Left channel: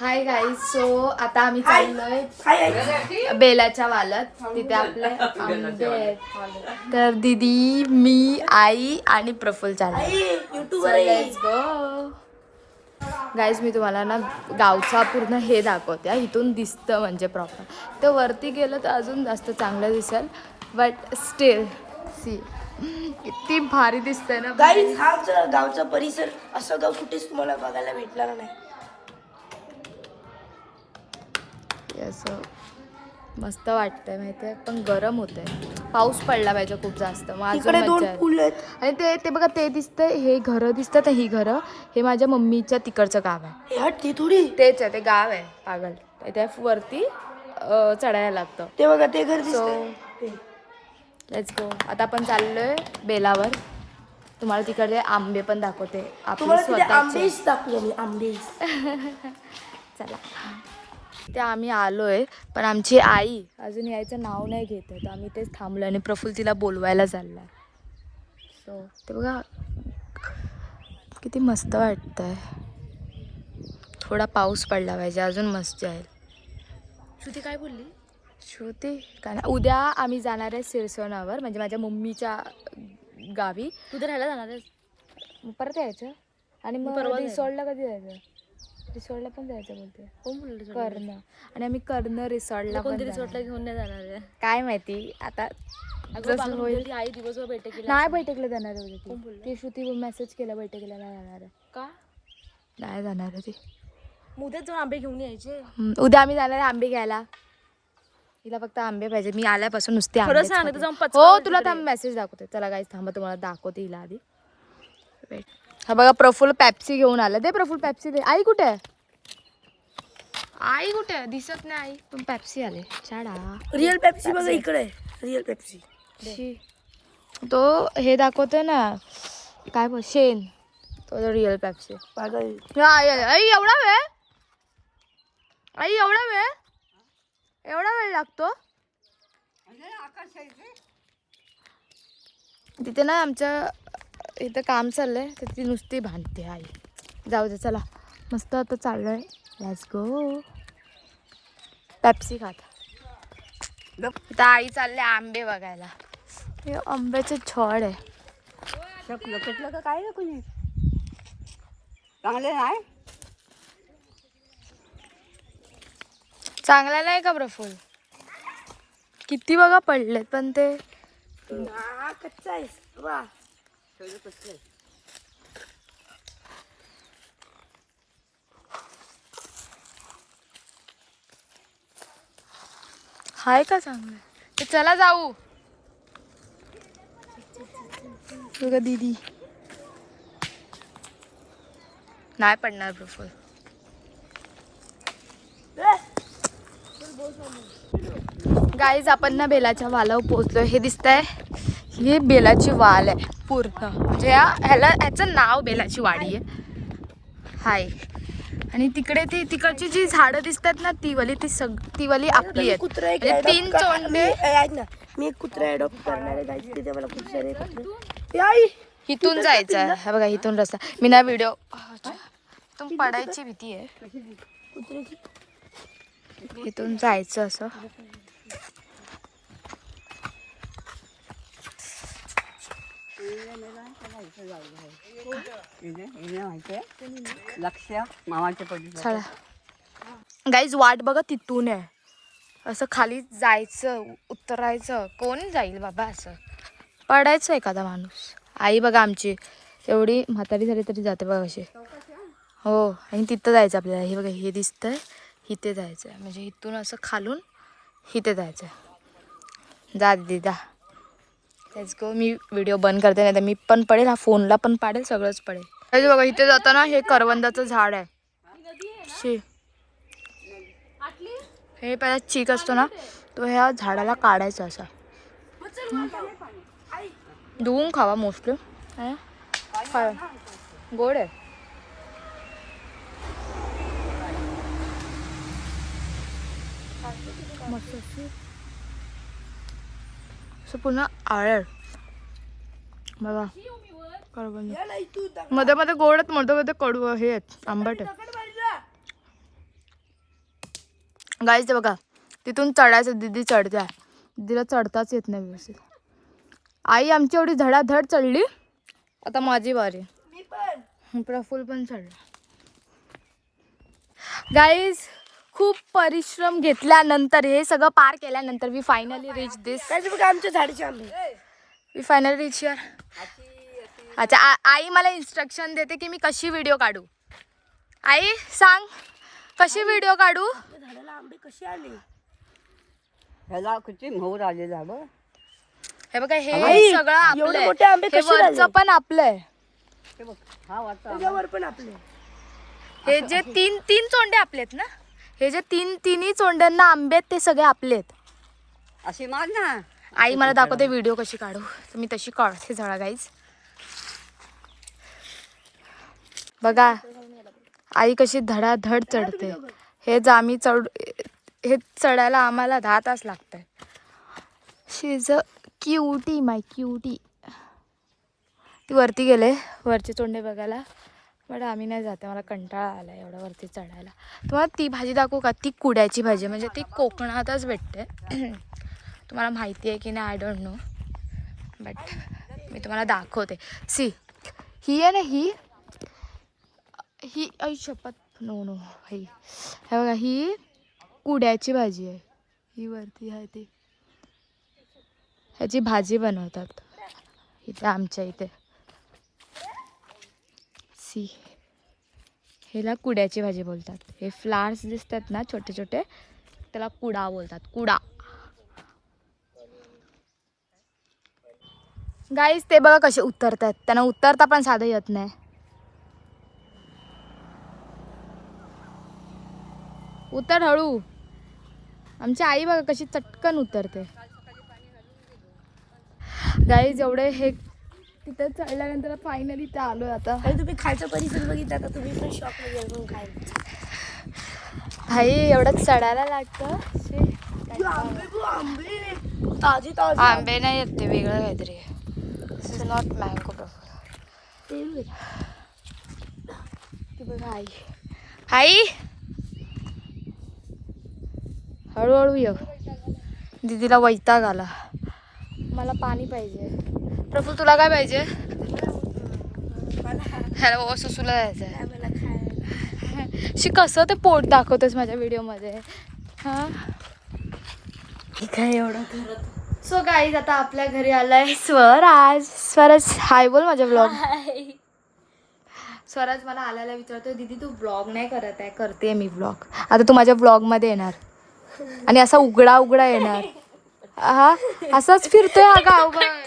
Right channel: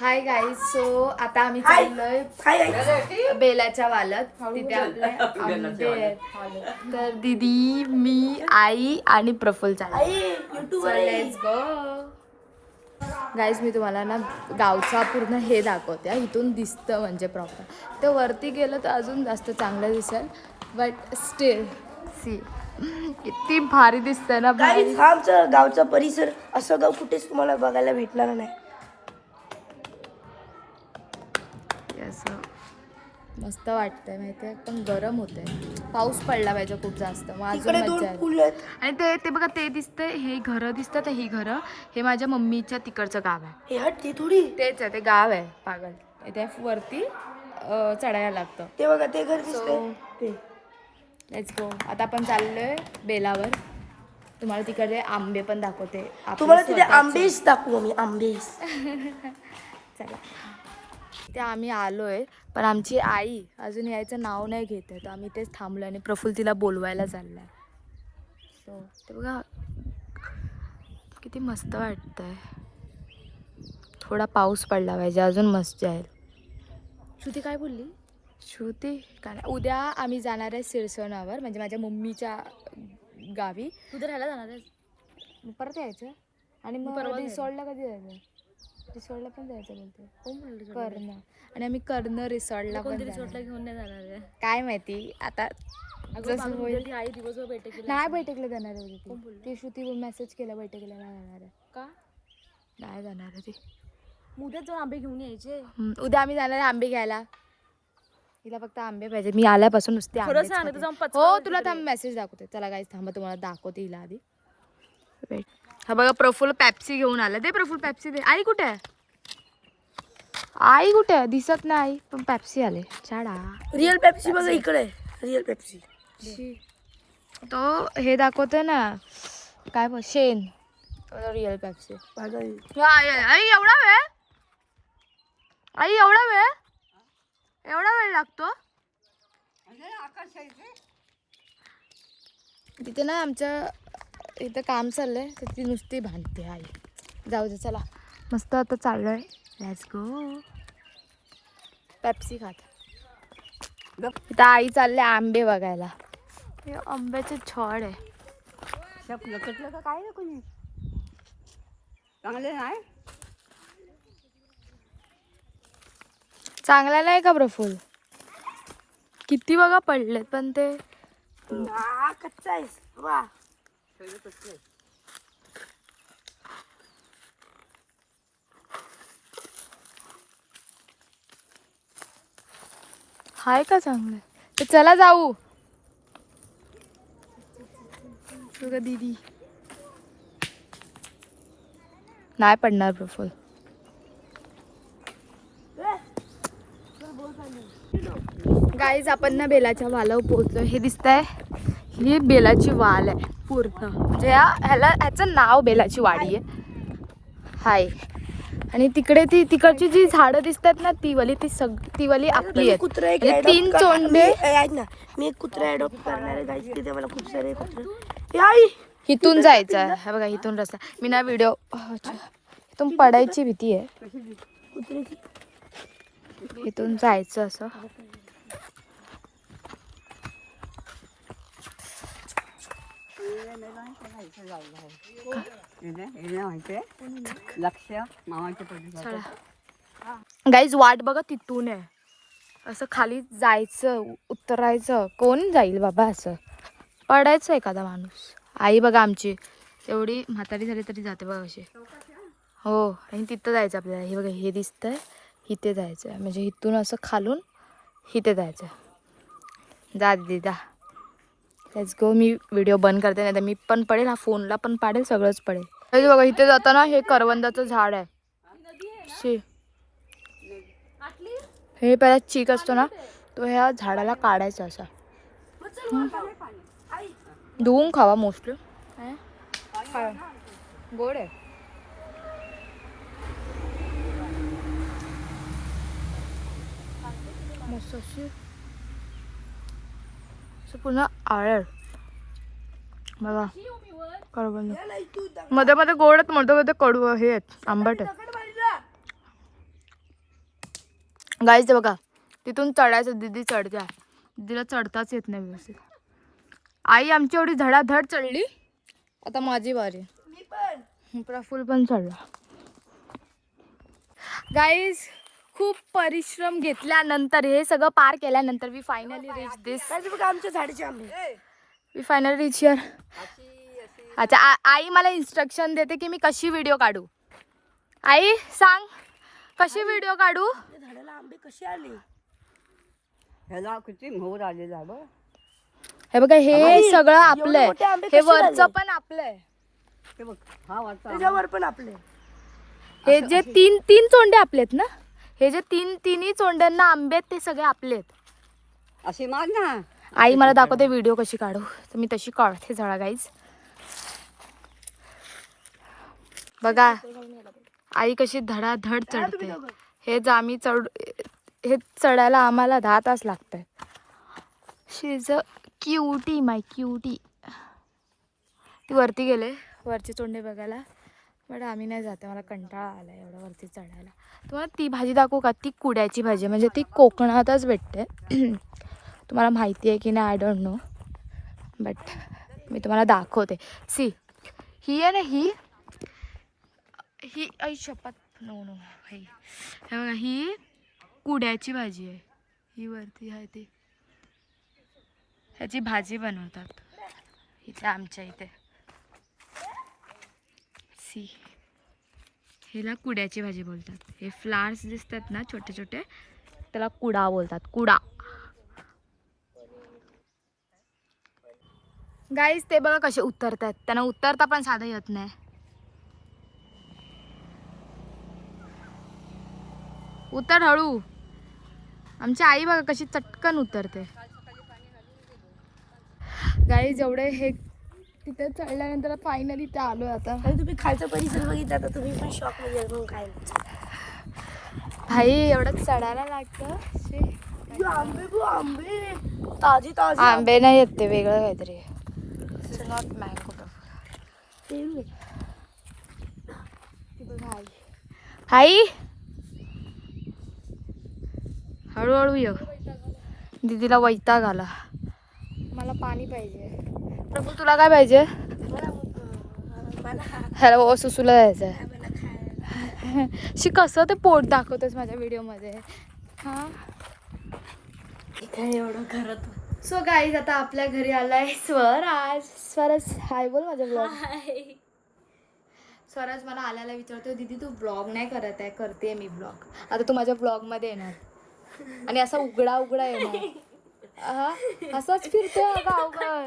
Hi guys. So आता आम्ही चाललोय बेलाच्या वालात. तिथे आपले आंबे आहेत. तर दीदी, मी, आई आणि प्रफुल्ल चाललोय. Let's go guys. मी तुम्हाला ना गावचा पूर्ण हे दाखवते. इथून दिसतं म्हणजे प्रॉपर. तर वरती गेलं तर अजून जास्त चांगलं दिसेल. बट स्टील सी किती भारी दिसतंय ना भारी. गावचा परिसर असं गाव कुठेच तुम्हाला बघायला भेटणार नाही. असं मस्त वाटतंय माहिती आहे. पण गरम होतंय. पाऊस पडला पाहिजे खूप जास्त, मग अजून मज्जा आहे. आणि ते बघा ते दिसतंय, हे घरं दिसतात. ही घरं हे माझ्या मम्मीच्या तिकडचं गाव आहे. तेच आहे, ते गाव आहे पागल. त्या वरती चढायला लागतं. ते बघा ते घर दिसतंय. Let's go. आता आपण चाललोय बेलावर. तुम्हाला तिकडे आंबे पण दाखवते आपले स्वतःचे. दाखवू आम्ही आंबेस. चला. ते आम्ही आलोय, पण आमची आई अजून यायचं नाव नाही घेत आहे. तर आम्ही तेच थांबलो आणि प्रफुल्ल तिला बोलवायला चाललाय. सो ते बघा किती मस्त वाटतंय. थोडा पाऊस पडला पाहिजे, अजून मस्त आहे. श्रुती काय बोलली? श्रुती काय नाही. उद्या आम्ही जाणार आहे सिरसोनावर, म्हणजे माझ्या मम्मीच्या गावी. उद्या राहायला जाणार आहे. परत यायचं आणि मग रिसॉर्टला कधी जायचं? रिसॉर्टला पण जायचं बोलते. कोण बोलली? कर्ण. आणि आम्ही कर्ण रिसॉर्टला पण रिसॉर्टला घेऊन नाही जाणार आहे. काय माहिती आता जसं होईल. आई दिवसभर बैठकीला नाही बैठकला जाणार आहे. ती श्रुती मेसेज केला बैठकीला नाही जाणार आहे. का नाही जाणार आहे ती. उद्याच जाऊन आंबे घेऊन यायचे. उद्या आम्ही जाणार आहे आंबे घ्यायला. तिला फक्त आंबे पाहिजे. मी आल्यापासून नुसते आंबे. हो तुला थांब मेसेज दाखवते. चला गाईस थांबा, तुम्हाला दाखवते हिला आधी. वेट. हा बघा प्रफुल्ल पॅप्सी घेऊन आला. दे प्रफुल्ल पॅप्सी दे. आई कुठे आहे? आई कुठे आहे? दिसत नाही आई. पण पॅप्सी आले. छाडा. रिअल पेप्सी बघा इकडे. Real Pepsi. तो हे दाखवतोय ना काय शेन. तो रिअल पॅप्सी. आई एवढा वेळ? आई एवढा वेळ? एवढा वेळ लागतो? तिथे ना आमच्या इथं काम चाललंय, तर ती नुसती भांडते आई. जाऊ दे चला. मस्त आता चाललोय. Let's go. पेप्सी खात. इथं आई चालले आंबे बघायला. हे आंब्याचे छड आहे. काय ना कोणी चांगले नाही. चांगला नाही का प्रफुल्ल? किती बघा पडलेत, पण ते कच्चा आहे. वा हाय का चांगलं? तर चला जाऊ. बघा दीदी नाही पडणार प्रफुल्ल. गाईज आपण ना बेलाच्या वालावर पोहोचलोय. हे दिसतंय, ही बेलाची वाल आहे पूर्ण. म्हणजे ह्याचं नाव बेलाची वाडी आहे. हाय. आणि तिकडे तिकडची जी झाडं दिसतात ना ती वाली आपली आहेत. म्हणजे 3 चोंडे. मी एक कुत्रा अडॉप्ट करणार आहे गाईस. तिथे मला खूप सारे कुत्रे. इथून जायचं आहे. हा बघा इथून रस्ता. मी ना व्हिडिओ इथून पडायची भीती आहे. इथून जायचं असं. चला गाईज वाट बघा तिथून आहे. असं खाली जायचं, उतरायचं. कोण जाईल बाबा असं? पडायचं एखादा माणूस. आई बघा आमची एवढी म्हातारी झाली तरी जाते बघा अशी. हो. आणि तिथं जायचं आपल्याला. हे बघा हे दिसतंय, इथे जायचं आहे. म्हणजे इथून असं खालून इथे जायचं आहे. जा दीदी जा. Let's go. मी व्हिडिओ बंद करते, नाही तर मी पण पडेल, हा फोनला पण पाडेल, सगळंच पडेल. बघा इथे जाताना हे करवंदाचं झाड आहे. हे पहिला चीक असतो ना, तो ह्या झाडाला काढायचा असा. धुवून खावा मोस्टली. गोड आहे. मस्त असं पुन्हा आळ्या बघा करवंद. मध्ये मध्ये गोड आहेत, मध्ये मध्ये कडू हे आहेत, आंबट आहेत. गाईज ते बघा तिथून चढायचं. दीदी चढत्या, दीदीला चढताच येत नाही व्यवस्थित. आई आमची एवढी धडाधड चढली. आता माझी बारी. प्रफुल पण चढला. गाईज खूप परिश्रम घेतल्यानंतर हे सगळं पार केल्यानंतर वी फायनली रीच दिस. आमच्या झाडीचे आंबे. We finally reach here. अच्छा आई मला इन्स्ट्रक्शन देते की मी कशी व्हिडिओ काढू. आई सांग कशी व्हिडिओ काढू. झाडाला आंबे कसे आले. ह्याला किती मोहर आले झाडं. हे बघा हे सगळं आपलं मोठे आंबे आहे. हे कसे वरचं झाले? पण आपलं आहे. हे बघ हा वाचा. त्याच्यावर पण आपले. हे जे तीन चोंडे आपलेत ना, हे जे तिन्ही चोंड्यांना आंबे आहेत ते सगळे आपलेत. अशी माग ना. आई मला दाखवते व्हिडिओ कशी काढू, तर मी तशी काढते झाडा. गाईज बघा आई कशी धडाधड चढते. हे चढायला आम्हाला 10 तास लागत आहेत. She is a cutie, my cutie. ती वरती गेले वरचे चोंडे बघायला, बट आम्ही नाही जाते. मला कंटाळा आला एवढं वरती चढायला. तुम्हाला ती भाजी दाखवू का. ती कुड्याची भाजी, म्हणजे ती कोकणातच भेटते. तुम्हाला माहिती आहे की नाही आय डोंट नो, बट मी तुम्हाला दाखवते. सी ही आहे ना, ही आई शपथ नो ही हे बघा, ही कुड्याची भाजी आहे. ही वरती आहे ती, ह्याची भाजी बनवतात इथे आमच्या इथे. सी ह्याला कुड्याची भाजी बोलतात. हे फ्लावर्स दिसतात ना छोटे छोटे, त्याला कुडा बोलतात. कुडा. गाईज ते बघा कसे उतरतात. त्यांना उतरता पण साधं येत नाही. उतर हळू. आमची आई बघा कशी चटकन उतरते. गाईज एवढे हे तिथे चढल्यानंतर फायनली ते आलोय आता. तुम्ही खायचं परिस्थिती बघितलं तर तुम्ही शॉक मध्ये जाऊन खायला. भाई एवढं चढायला लागतं. आंबे आंबे ताजे ताजे आंबे नाही येत, ते वेगळं काहीतरी. दिस इज नॉट मँगो. आई आई हळूहळू ये. दीदीला वैताग आला. मला पाणी पाहिजे. प्रभू तुला काय पाहिजे. ह्याला बाबा सुसूला जायचं आहे. मला खायला. शी कसं ते पोट दाखवतेस माझ्या व्हिडिओमध्ये. हां काय एवढं करत. सो गाईज आता आपल्या घरी आलाय स्वराज. स्वराज हाय बोल माझ्या ब्लॉग. स्वराज मला आल्याला विचारतोय दीदी तू ब्लॉग नाही करत आहे. करते मी ब्लॉग. आता तू माझ्या ब्लॉगमध्ये येणार आणि असा उघडा येणार. हा असाच फिरतोय हा गावभर.